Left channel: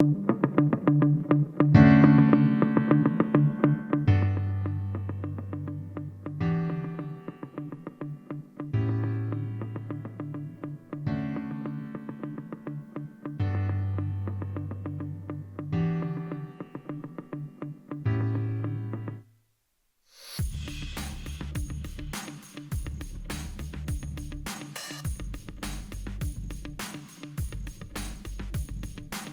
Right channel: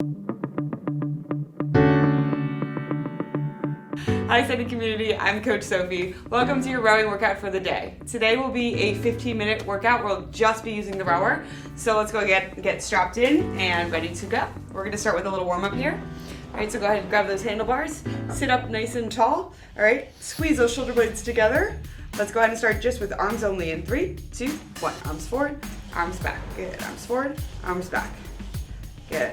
Hi Sunny community, I'm Coach Sophie. Welcome to your rowing workout for the day. Today will be a 15-minute workout. We'll just be using the rower. So let's go get strapped in and ready to go. We're gonna start with a little warm up here. All right, so go ahead and grab those handlebars. Sit up nice and tall. All right, squeeze those shoulder blades together. Let's go ahead and start just with arms only in 3, 2, 1. Arms forward, arms back. Good, arms forward, arms back. Good.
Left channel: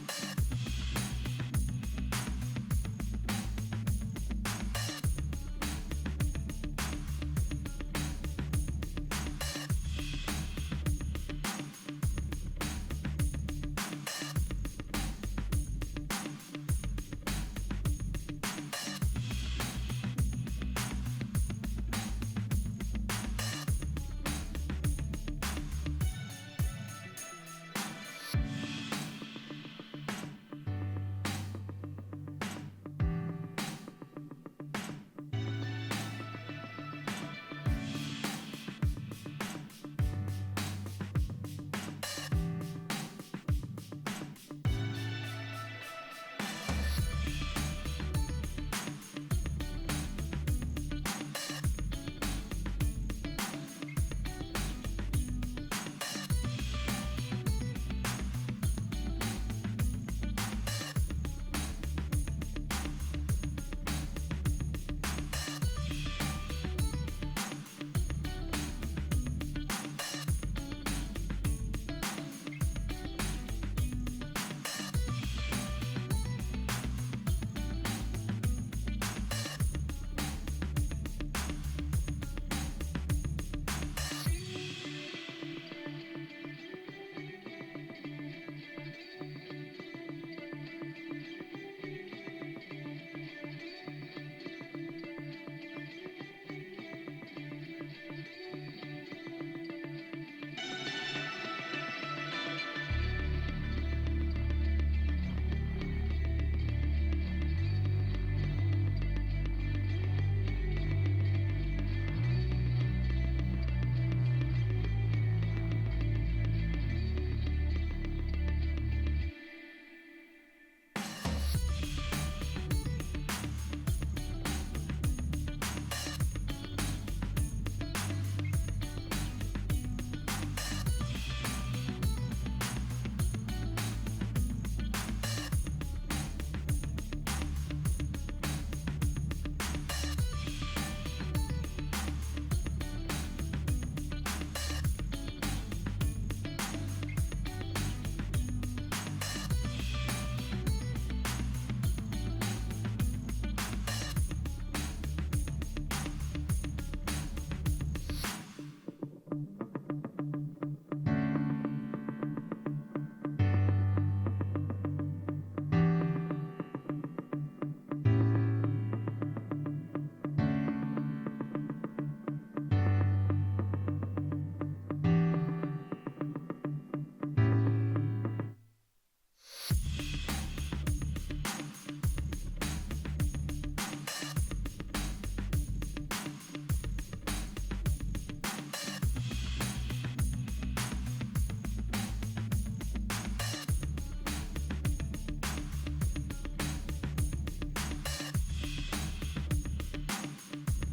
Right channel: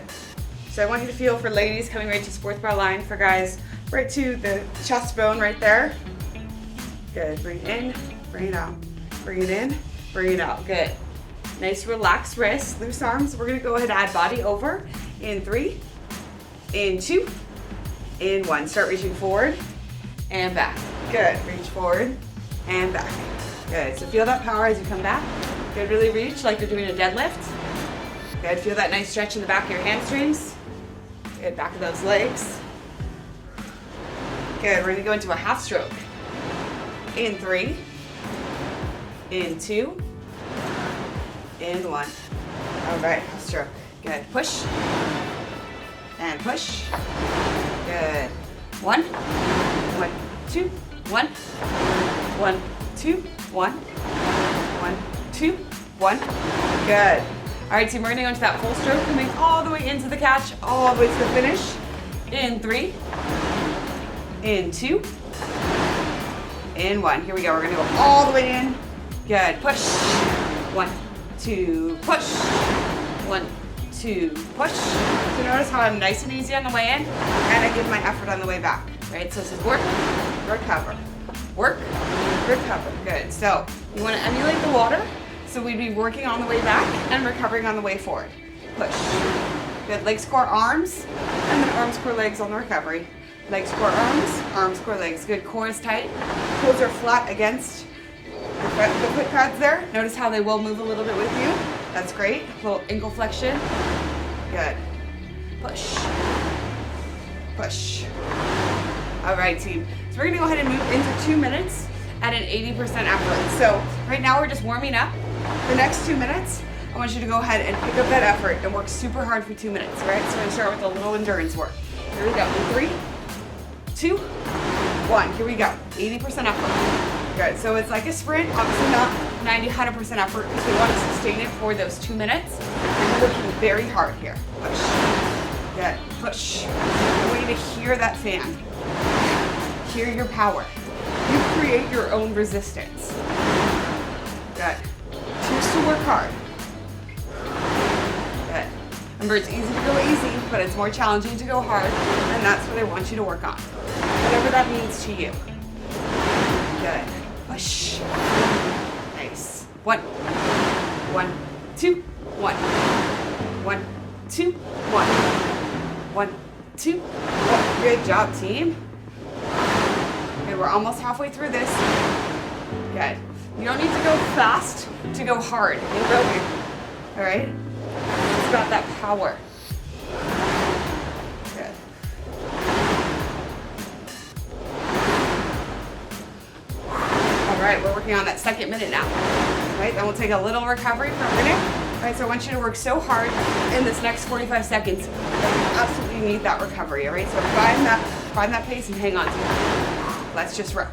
So I want you to feel, for ladies, coming right to sports bra line. For guys, right to the chest bone right there. Good, breathe in, bring it out. Breathe in, bring it out, good. Nice relaxed wrists, loose arms. We're gonna go ahead and add body over in 3, in 2, in 1. Start reaching forward and back. Good, reach forward and back. Good, so feel that power as you come back. Good, really reach like you're doing a deadlift. Good, feel that nice stretch in the back of your hamstrings. Good, back of those legs. Good, we're gonna go into a half stroke. In 3, in 2, in 1. All right, half stroke. Good, push, and push. Good. 1, 1, 2, 1, 1, 2, 1, 1, 2, 1. Good. All right, team, we're gonna go into that full stroke, coming all the way into the catch, all the way to the finish. In 3, in 2, in 1. Here we go, we're gonna go all the way in. Good, push. 1, 2, push. 1, 2, push. So notice how I'm nice and easy on the way in, and I give my effort on the way back, right? So this is work, recover, work, recover. Good, so you wanna emulate the water. So we'd be working on the way back and recovering on the way forward. Push. Good, legs, core, arms, and then arms, core, legs on the recovery. Legs, core, arms, core, legs. Good, core is tight. Toes are flat against the foot pads there. Notice how they will move a little bit with you. That's great. Little ankle flexion. Good. Push. Push. All right, team. So we're gonna go ahead and move into 2 minutes at an 80% effort. So right now we're just warming up. The next 2 minutes, I want you to go ahead and pick up that effort and work super hard for 2 minutes, right? So we're gonna start with a little endurance work. Here we go, in 3, 2, 1, here we go, 80% effort. Good, so it's like a sprint, obviously not 90, 100% effort, because we want to sustain it for those 2 minutes. And we're working very hard here. Push, good, push. I want you to hear that fan. Hear your power. You create your own resistance. Good. Choose to work hard. Good. Remember, it's easy to go easy, but it's more challenging to go hard, and that's what I want you to work on. Whatever that means to you. Good. Push. Nice. 1, 1, 2, 1. 1, 2, 1. 1, 2, 1. Good job, team. Good, we're almost halfway through this. Good. You don't need to go fast to go hard in rowing, all right? It's about that power. Good. All right, we're working on that second minute now. All right, then we'll take a little recovery for a minute. All right, so I want you to work so hard in this next 45 seconds that you absolutely need that recovery, all right? So find that pace and hang on to it. Let's just row.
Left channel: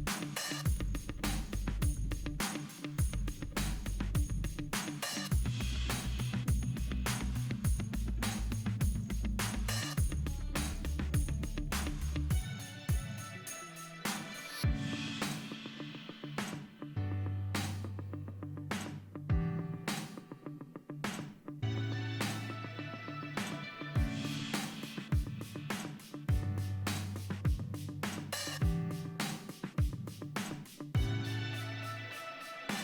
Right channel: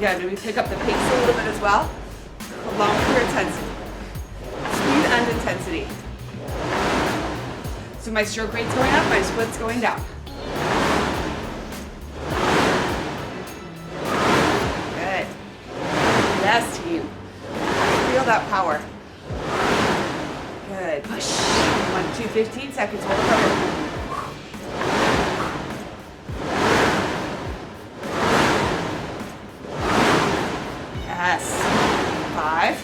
Yeah, maybe pick up the pace a little bit as well, along with your intensity. Speed and intensity. So my stroke rate's going up, my split's going down. Good. Yes, team. Feel that power. Good. Push. 1, 2, 15 seconds. Hold it over. Yes. 5,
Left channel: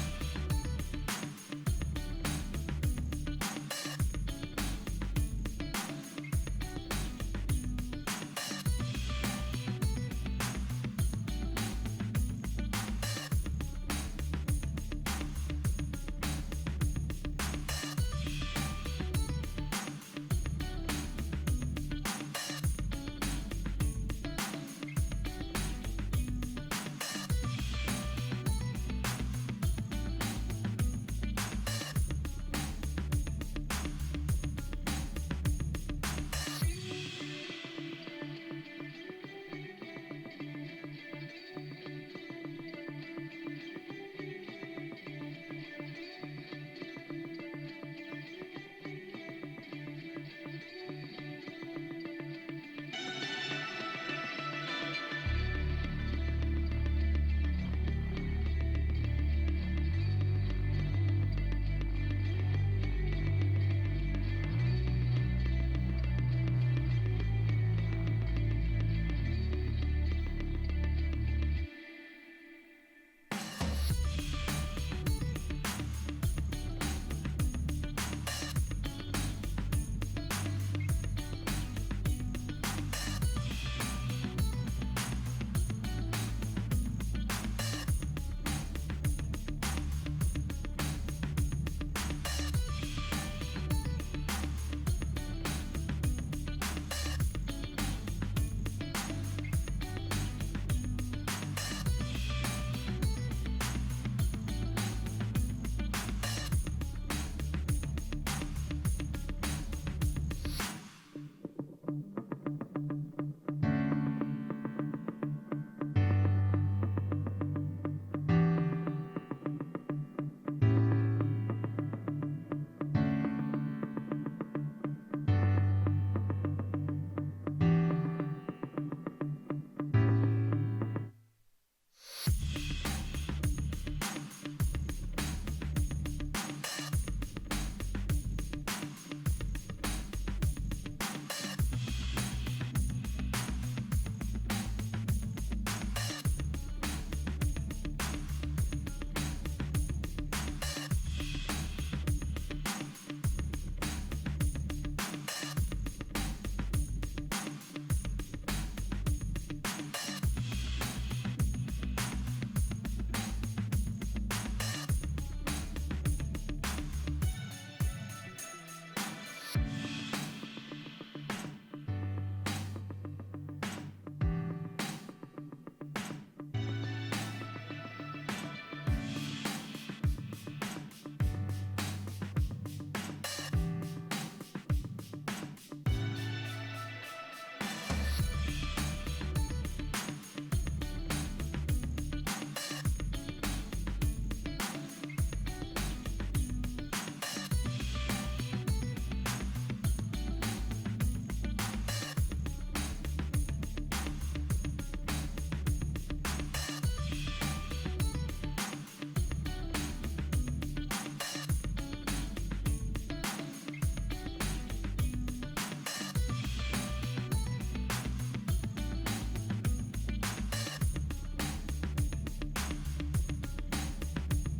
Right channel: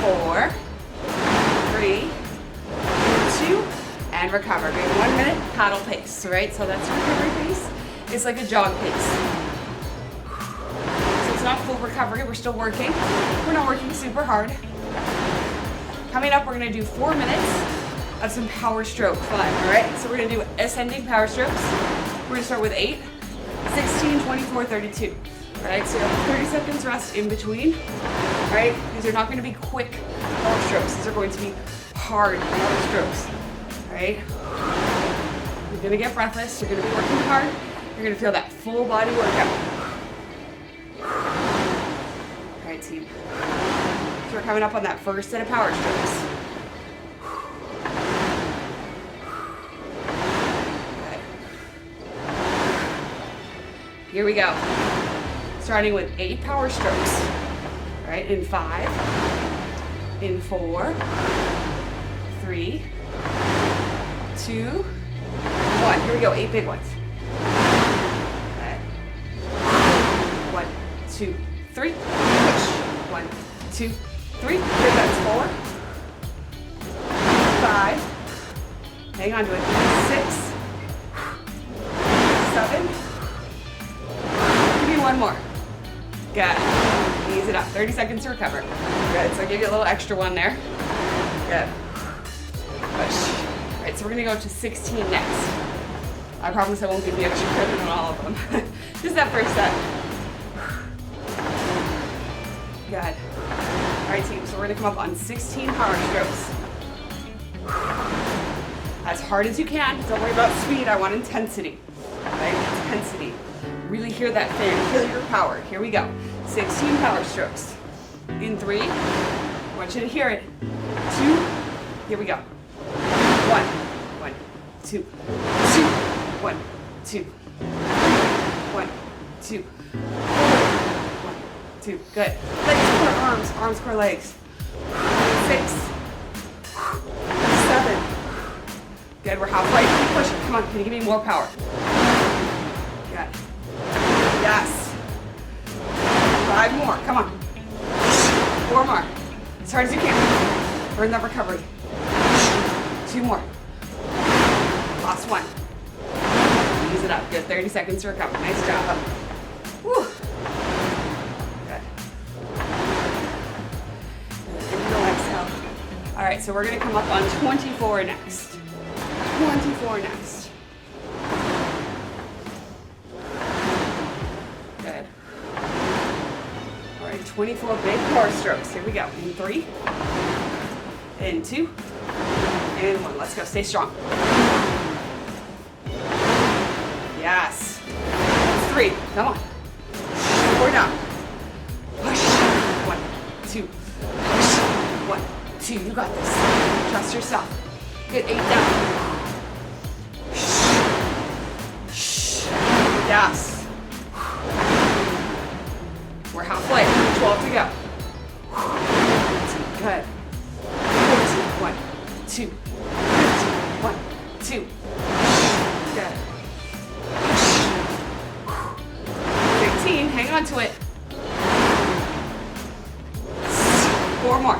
4, 3, 2, and recover. Great. 1 minute paddle pace, right? So that's recovery pace. It's like a jog pace. So it's not full recovery. We're still working. We're not working super hard. Coming up, we're going to do 4 minutes of some power stroke fun, all right? So we're going to do ascending power strokes. We're going to start with 8, 16, 24, 32. All right, so you have 30 seconds rest in between. All right, these are not going to be quick power strokes. These are going to be hard power strokes. All right? You're gonna get breathless, you're gonna be working hard, you're gonna feel that full body workout. All right, team. So we're coming up on that first set of power strokes. Good. Here we go. Starting with 8 power strokes. All right, in 5, in 4, 3, 2, 1. Here we go, 8 big ones. Okay. 1, 2, 3. Push. 1, 2, 3. Here, that's 4, 5. Hang on to it. 6, 7. Give me one more. Good. Ease it up. 30 seconds to recover. Good. So I'll give you a little extra one there. Good. Push. All right, so we're going to go to 16 next. I promise I won't give you extra credit on all of them. Just that first set. Good. All right, team. So we're going to come up on 16 power strokes. As hard as you can. Don't worry about speed. I want intensity. Right? Intensity. Really hear that fan. Feel your power. Here we go. 16 power strokes. In 3. I want you to hear it. 2. Here we go. 1. 1, 2, 2. 1, 2. 1, 2. 1, 2. Good. Legs core arms. Arms core legs. 6. 7. Good. We're halfway. Keep pushing. Come on. Can you give me more power? Good. Yes. 5 more. Come on. 4 more. As hard as you can. Burn that recovery. 2 more. Last one. Ease it up. Good. 30 seconds to recover. Nice job. Woo. Good. Inhale, exhale. All right, so we're going to come up on 24 next. 24 next. Good. All right, 24 big core strokes. Here we go. In 3, in 2, and 1. Let's go. Stay strong. Yes. 3. Come on. 4 down. Push. 1, 2. Push. 1, 2. You got this. Trust yourself. Good. 8 down. Yes. We're halfway. 12 to go. Good. 1, 2. 1, 2. Good. 15. Hang on to it. 4 more.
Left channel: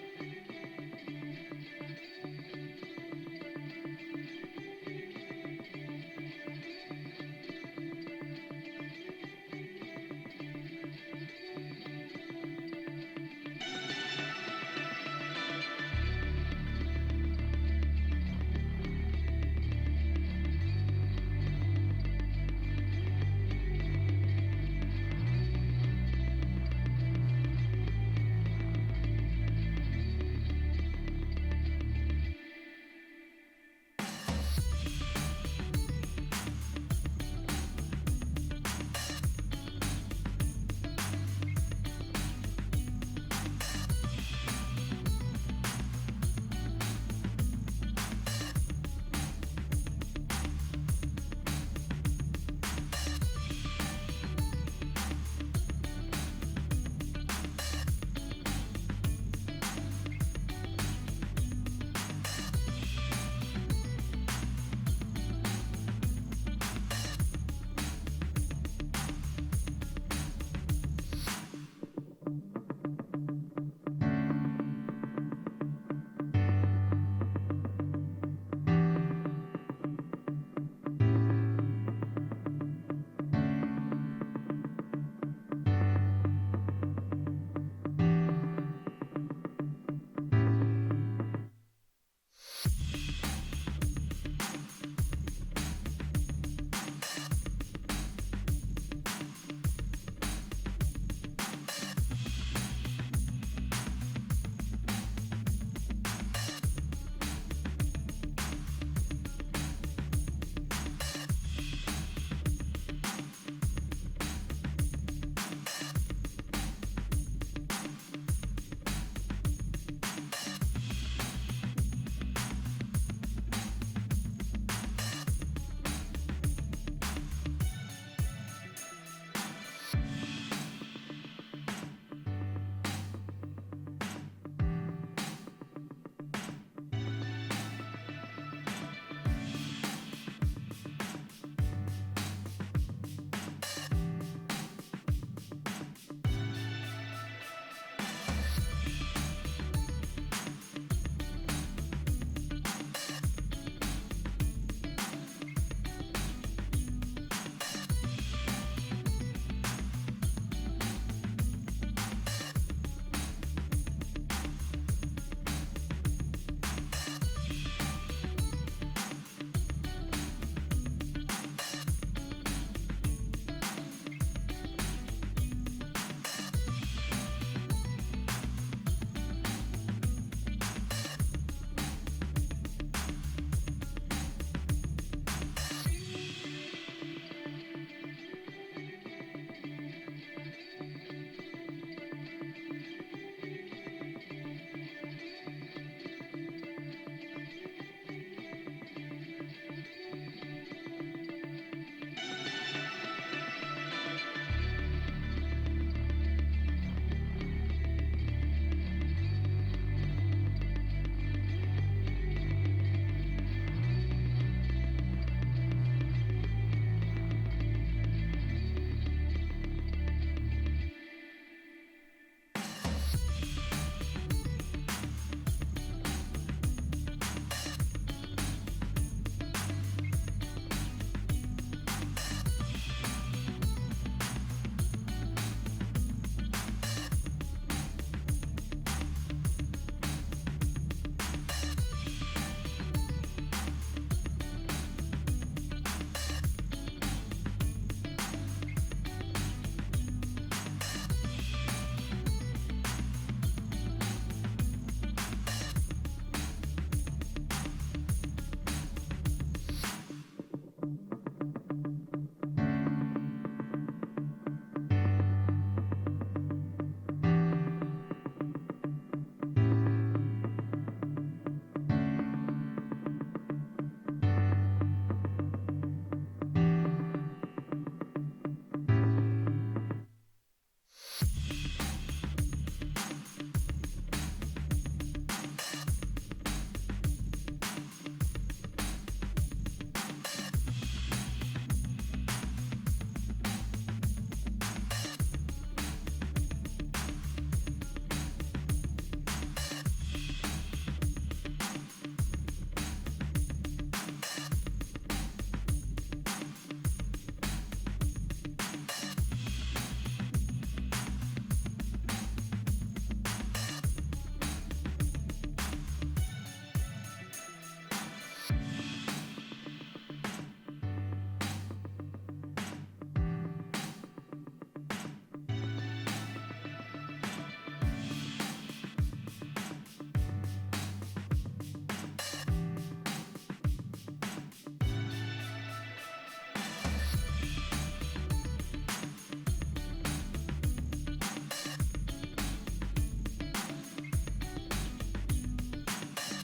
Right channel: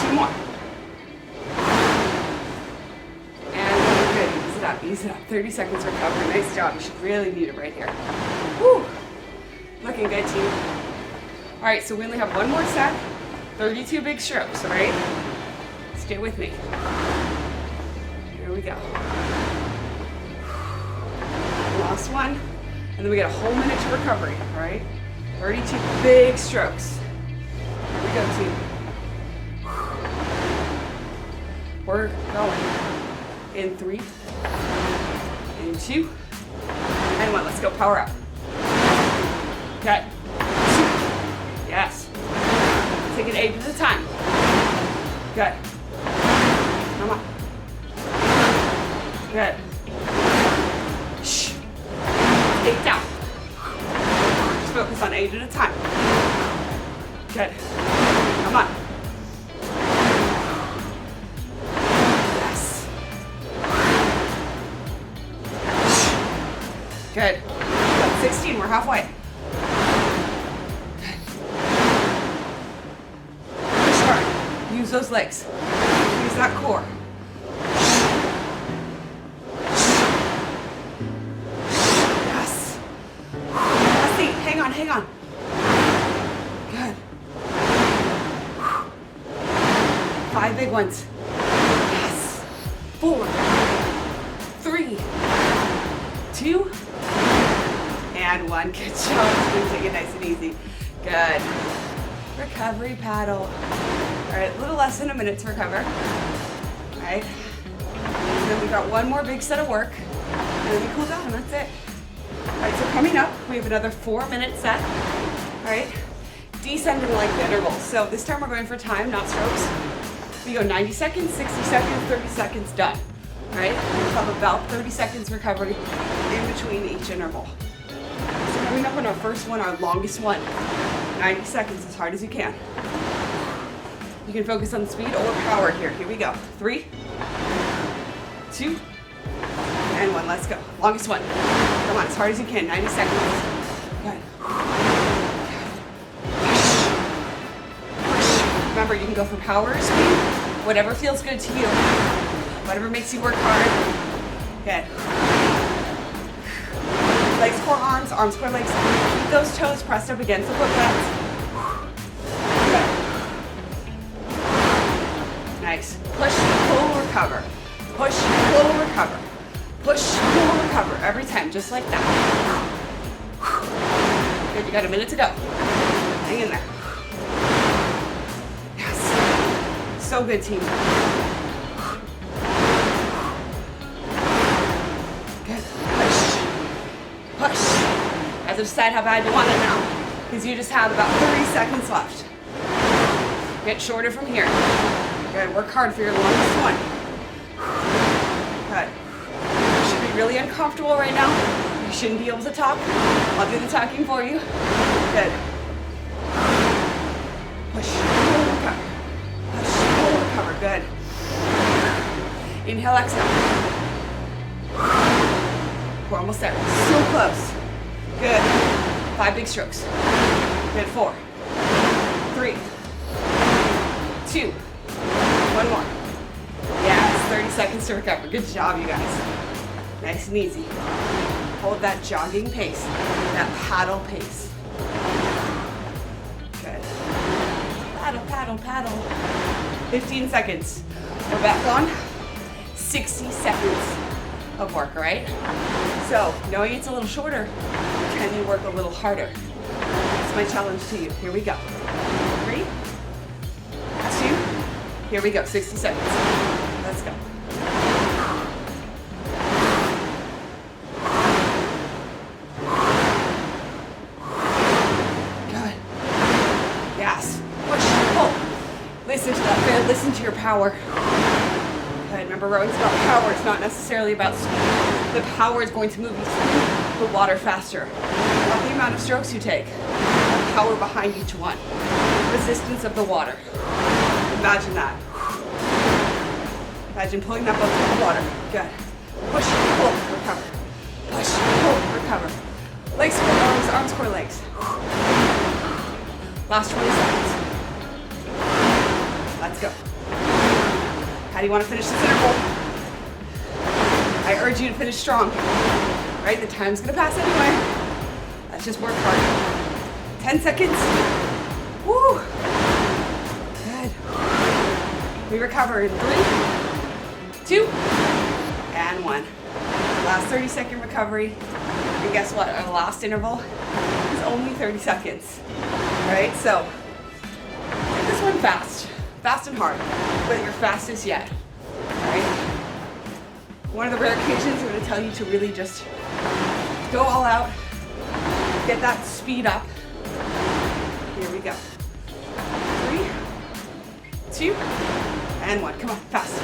2 more. And good. Ease it up. Ease it up. 30 seconds recovery. Nice job. You should really need it right here. Woo. Looking good, team. All right, so we only have one more set. 32 big strokes, all right? Stay with me. Here we go. Last one. And then we get a whole minute to recovery, all right? 32 big strokes. Here we go, team. We're going. In 3, in 2, and 1. Let's go. Power up. Okay. 2. Yes. Take it 8 at a time. Good. Come on. Good. Shh. 8 down. Just focus on 8 at a time. Good. Come on. Yes. Good. Good. 16. We're halfway. Push hard. Use those legs. Use that core. Yes. Last 8. Hang on. Hang on. Good. 5 big ones. Yes. 4, 3, 2, and 1. Good job. Take it nice and easy. Good. Recovery paddle. All right, a little less than a minute to recover. All right. And then we got one more big set of work, and then we cool down, and that's it. All right, so coming up, we have another 4-minute set. All right, descending like the intervals. So this time we're going for time, not strokes. You go 90 seconds, 60 seconds, 30 seconds, done. All right, we'll have about 30 seconds recovery in between each interval. So coming up on our first one, our longest one, 90 seconds, as hard as you can. You can focus on speed or power here. Here we go. 3, 2, and 1. Let's go. Longest one. Come on, as hard as you can. 90 seconds. Good. Push. Remember, you can go for power or speed. Whatever feels good to you. Whatever makes you work hard. Good. Legs, core, arms, core, legs. Keep those toes pressed up against the foot pads. Nice. Push, pull, recover. Push, pull, recover. Push, pull, recover. Every time, just like that. Good, you got a minute to go. Hang in there. Yes. So good, team. Good. Push. Push. You have to decide how bad you want it now, because you just have about 30 seconds left. Get shorter from here. Good, work hard for your longest one. Good. You should be really uncomfortable right now. You shouldn't be able to talk. I'll do the talking for you. Good. Push, pull, recover. Push, pull, recover. Good. Inhale, exhale. We're almost there. So close. Good. 5 big strokes. Good. 4, 3, 2, 1 more. Yes, 30 seconds to recover. Good job, you guys. Nice and easy. Hold that jogging pace, that paddle pace. Good. Paddle, paddle, paddle. 15 seconds. We're back on. 60 seconds of work, all right? So, knowing it's a little shorter, can you work a little harder? That's my challenge to you. Here we go. 3, 2, here we go, 60 seconds. Let's go. Good. Yes. Push, pull. Listen to that, man. Listen to your power. Good. Remember, rowing's about power. It's not necessarily about speed. The power is going to move you through the water faster. Not the amount of strokes you take. The power behind each one. Resistance of the water. Imagine that. Imagine pulling up onto the water. Good. Push, pull, recover. Push, pull, recover. Legs, core, arms, core, legs. Last 20 seconds. Let's go. How do you want to finish this interval? I urge you to finish strong. Right? The time's going to pass anyway. Let's just work hard. 10 seconds. Woo! Good. We recover in 3, 2, and 1. Last 30-second recovery. And guess what? Our last interval is only 30 seconds. Right? So, take this one fast. Fast and hard. But your fastest yet. Right? One of the rare occasions I'm going to tell you to really just go all out. Get that speed up. Here we go. 3, 2, and 1. Come on, fast.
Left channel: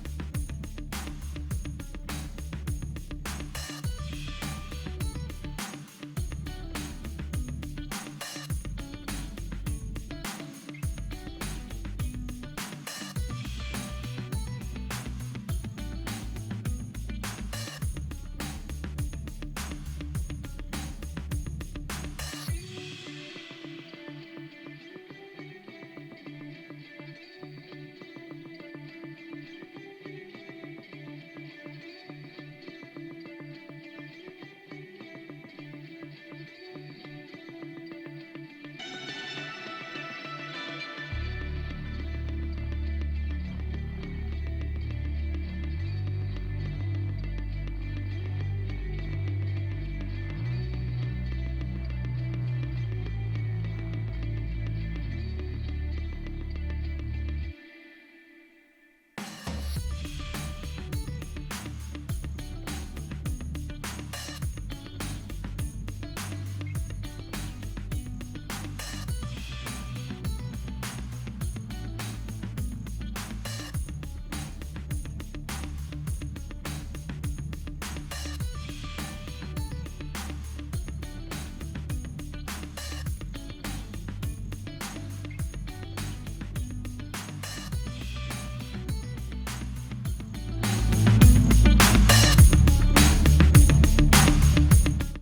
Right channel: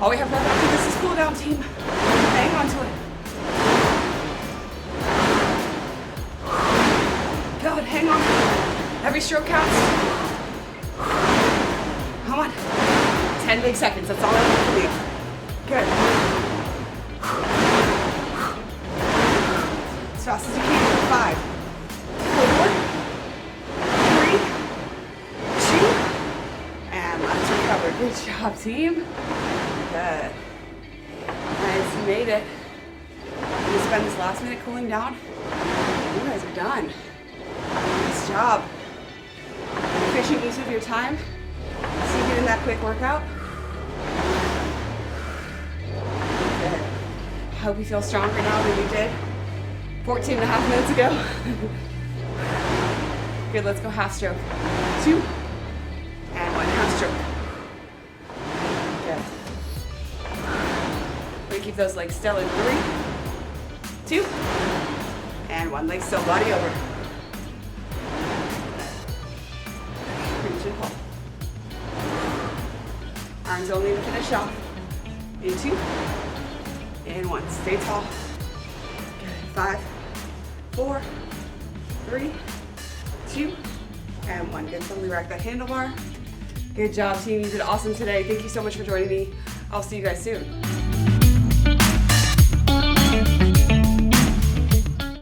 All we have left after this is cool down, team. Hang on to it. God, hang on. Every stroke counts. Come on. 10 big seconds. That's all I want from you. Good. As fast as you can. 5, 4, 3, 2, and let's recover. Good job, team. Good. Nice, you made it. You spend this last minute cooling down. You guys are done. Nice job. Efficient use of your time. See you getting that quick workout. Good. I hope you feel stronger now than you did 14 and a half minutes ago. Good, let's go half stroke. 2, and 1, half stroke. Good. We keep those legs still in 3, 2, and 1 leg still, body over. Reach and pull. Arms only to finish off. In 2, and 1. Stay tall. Good. 5, 4, 3, 2, and 1. Good. Firmly rack that handlebar. Good job, team. You did awesome today. Thank you so much for joining me. I'll see you guys soon.